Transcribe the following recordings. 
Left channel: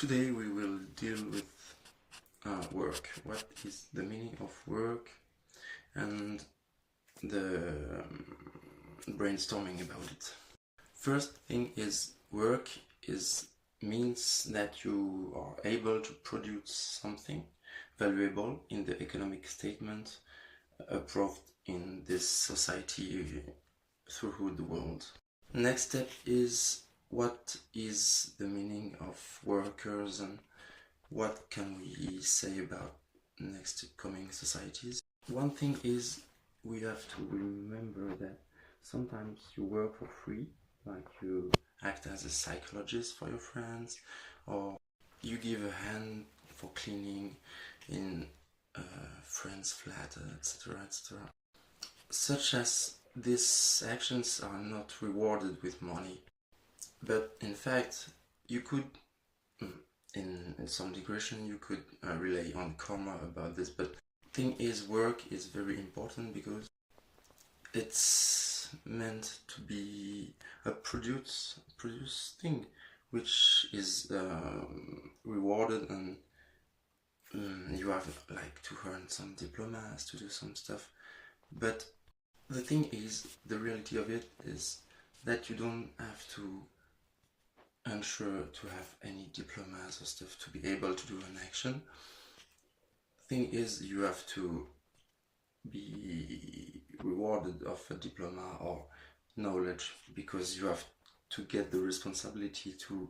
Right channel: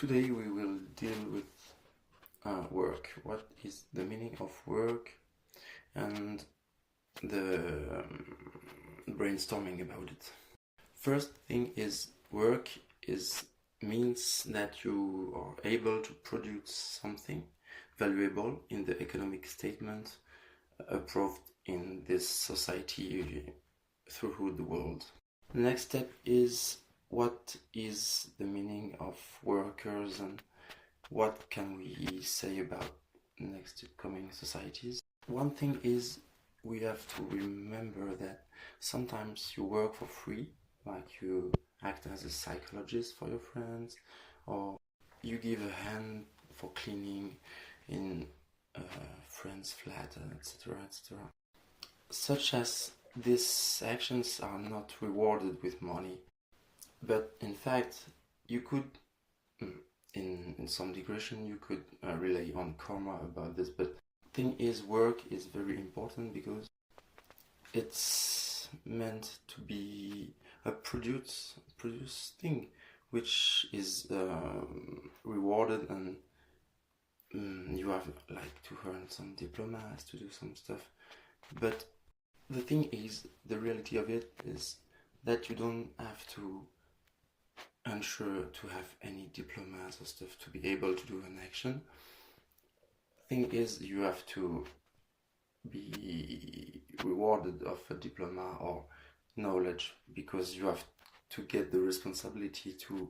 Today we will deal with work. What is the meaning of work and the brainstorming about it. First thing is work means that you are able to produce something valuable in the economic statement approved in this society throughout the world. Next step is what is the meaning of workers and what can we say about next coming societies. One thing is we have to remember that sometimes you work for free, like you act as a psychologist for your friends, or you give a hand for cleaning in a friend's flat, etc., etc. Such as these actions are not rewarded with money, but in fact you could, in some digression, you could rely on karma about this. But thing is, work is very important because it's meant to be a produce thing which is rewarded, and you have like to earn some diplomas, to do some stuff. But the thing is, the reality of it is that you don't have to ensure to have any diplomas or stuff to be able to do an action. Thing is, you have to be rewarded of a diploma or knowledge because you have to get the responsibility to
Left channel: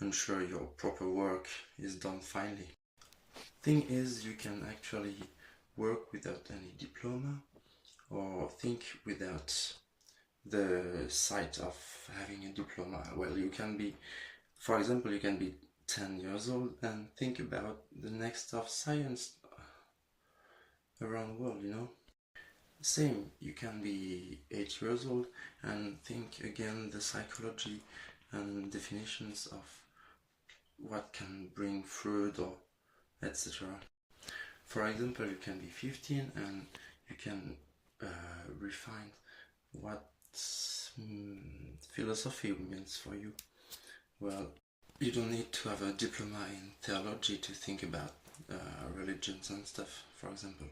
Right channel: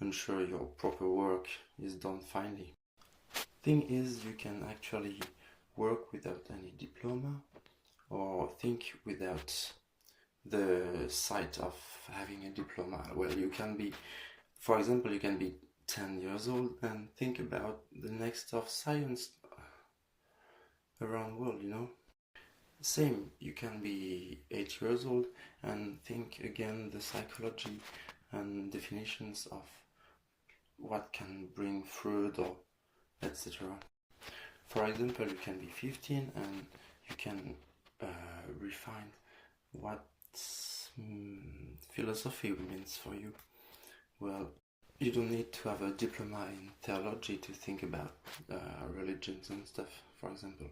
ensure your proper work is done finally. Thing is, you can actually work without any diploma or think without the sight of having a diploma. Well, you can be, for example, you can be 10 years old and think about the next of science around the world, you know. Same, you can be 8 years old and think again the psychology and definitions of what can bring fruit or etc. For example, you can be 15 and you can refine what philosophy means for you. Well, you don't need to have a diploma in theology to think about religions and stuff, for example.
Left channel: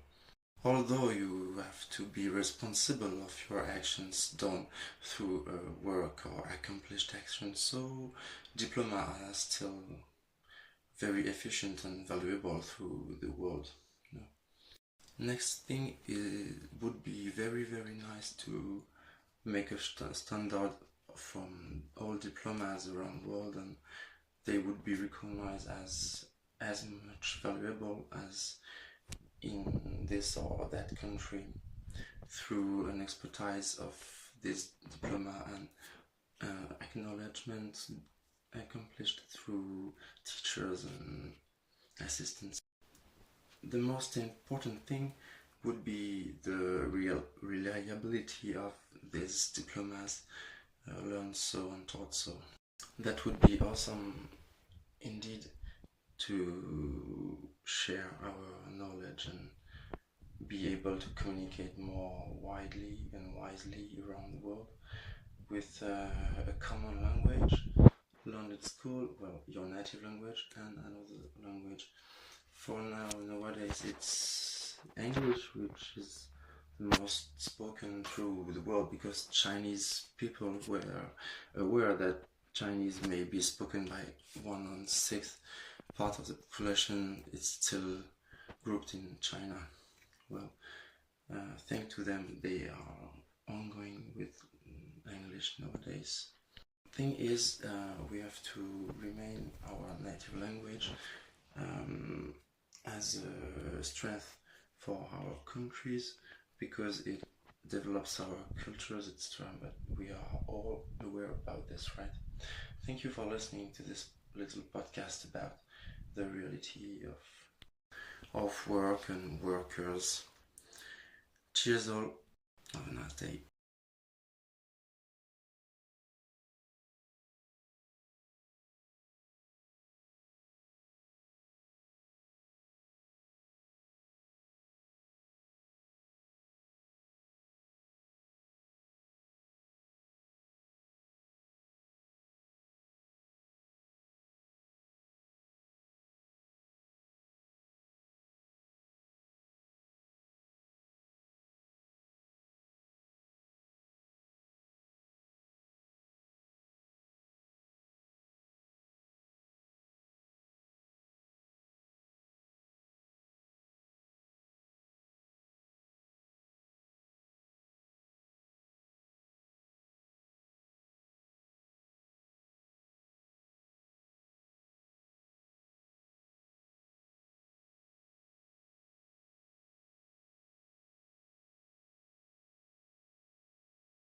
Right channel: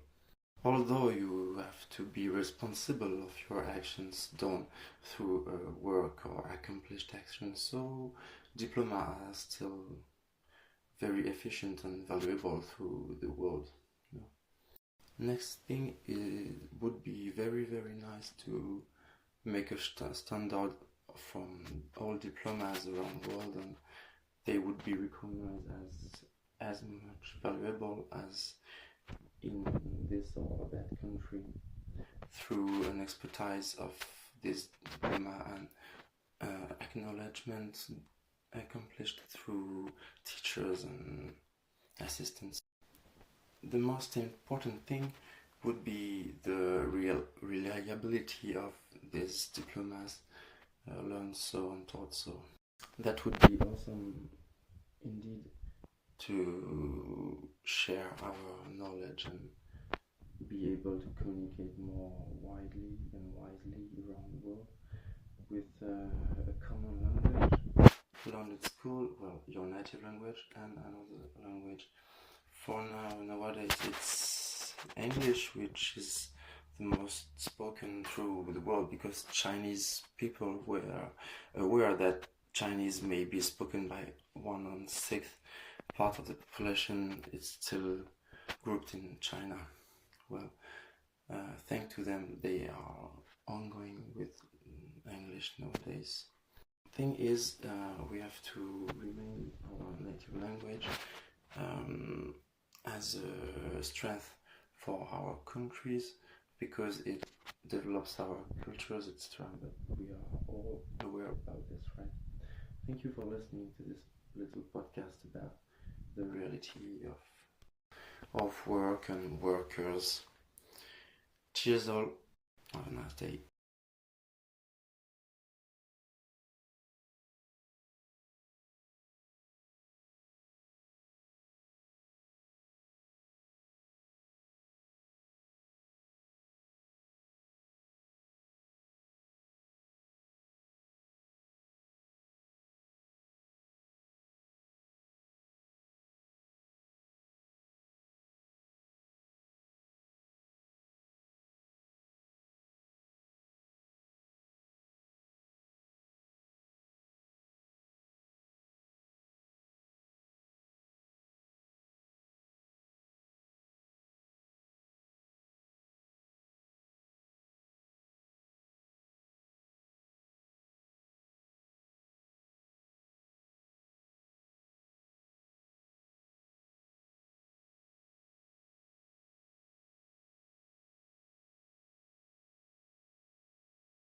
Although you have to be responsible of your actions done through work or accomplished actions, so diploma are still very efficient and valuable through the world. You know? Next thing would be very nice to make a standard from all diplomas around the world, and they would be recognized as much valuable as in this or that country through an expertise of this diploma and acknowledgement accomplished through teachers and assistants. The most important thing would be the real reliability of these diplomas, learned so and taught so. That would be awesome indeed, to share our knowledge and be able to communicate more widely and wisely around the world with a common language learned at school, well, your native language and another language. For nowadays it's English, which is the most spoken through the world, because Chinese people were aware that Chinese may be spoken by 1/6 part of the population. It's still grouped in China. Well, thanks to them, they are ongoing with English nowadays. Thing is, we have to remain our native language as a strength for our countries, because it develops our cultures, etc. But we are all aware about this, right? Thank you for listening to this little podcast about the reality of work and workers. Cheers all. Have a nice day.